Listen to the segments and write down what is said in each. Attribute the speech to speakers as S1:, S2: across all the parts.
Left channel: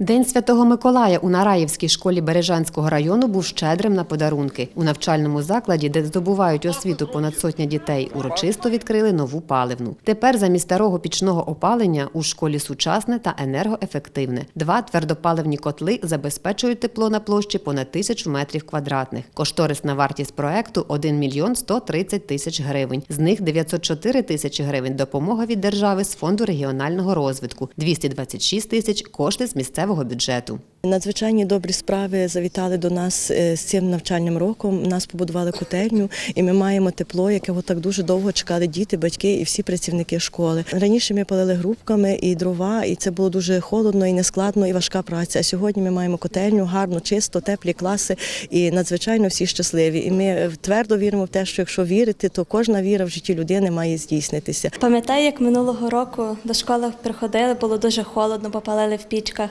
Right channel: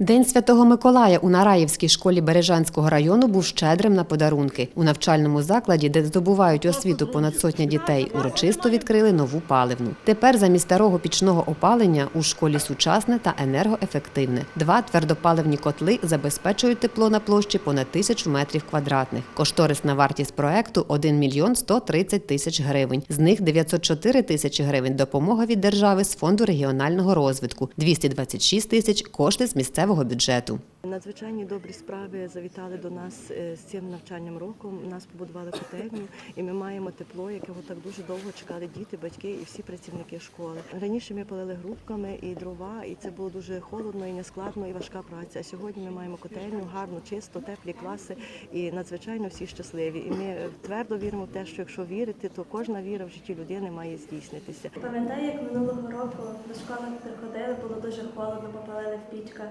S1: День Святого Миколая у Нараївській школі Бережанського району був щедрим на подарунки. У навчальному закладі, де здобувають освіту понад сотня дітей, урочисто відкрили нову паливну. Тепер замість старого пічного опалення у школі сучасне та енергоефективне. Два твердопаливні котли забезпечують тепло на площі понад тисячу метрів квадратних. Кошторисна вартість проекту 1 мільйон 130 тисяч гривень. З них 904 тисячі гривень допомога від держави з фонду регіонального розвитку, 226 тисяч кошти з місцевого бюджету.
S2: Надзвичайні добрі справи завітали до нас е, з цим навчальним роком. Нас побудували котельню, і ми маємо тепло, якого так дуже довго чекали діти, батьки і всі працівники школи. Раніше ми палили грубками і дрова, і це було дуже холодно і нескладно, і важка праця. А сьогодні ми маємо котельню, гарно, чисто, теплі класи, і надзвичайно всі щасливі. І ми е, твердо віримо в те, що якщо вірити, то кожна віра в житті людини має здійснитися.
S3: Пам'ятаю, як минулого року до школи приходили, було дуже холодно, попалили в пічках.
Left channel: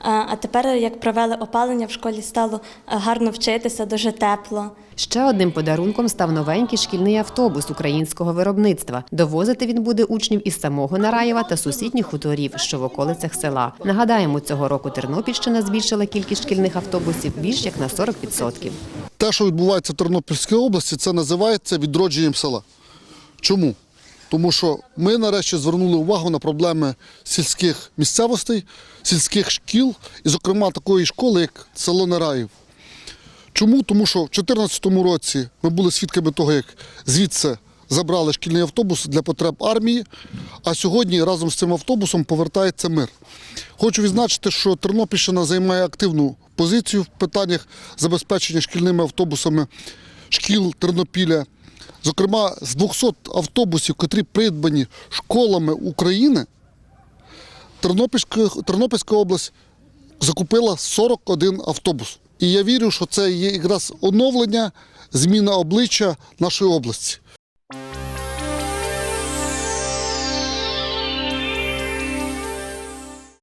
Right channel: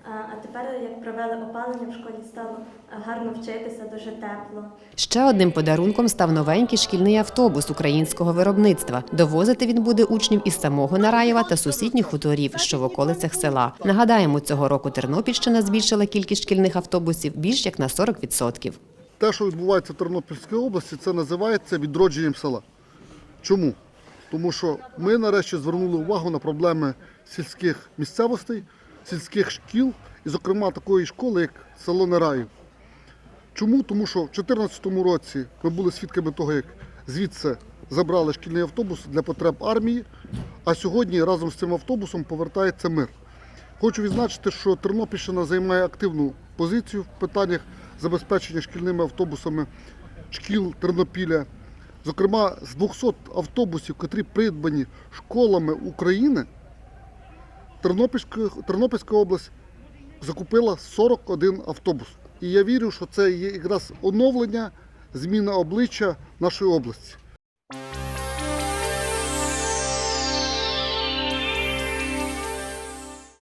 S3: А тепер, як провели опалення, в школі стало е, гарно вчитися, дуже тепло.
S1: Ще одним подарунком став новенький шкільний автобус українського виробництва. Довозити він буде учнів із самого Нараєва та сусідніх хуторів, що в околицях села. Нагадаємо, цього року Тернопільщина збільшила кількість шкільних автобусів більш як на 40%.
S4: Те, що відбувається в Тернопільській області, це називається відродженням села. Чому? Тому що ми нарешті звернули увагу на проблеми сільських місцевостей, сільських шкіл, і, зокрема, такої школи, як село Нараїв. Чому? Тому що в 2014 році ми були свідками того, як звідси забрали шкільний автобус для потреб армії, а сьогодні разом з цим автобусом повертається мир. Хочу відзначити, що Тернопільщина займає активну позицію в питаннях забезпечення шкільними автобусами шкіл Тернопіля. Зокрема, з 200 автобусів, котрі придбані школами України, Тернопільська, Тернопільська область закупила 41 автобус. І я вірю, що це є якраз оновлення, зміна обличчя нашої області.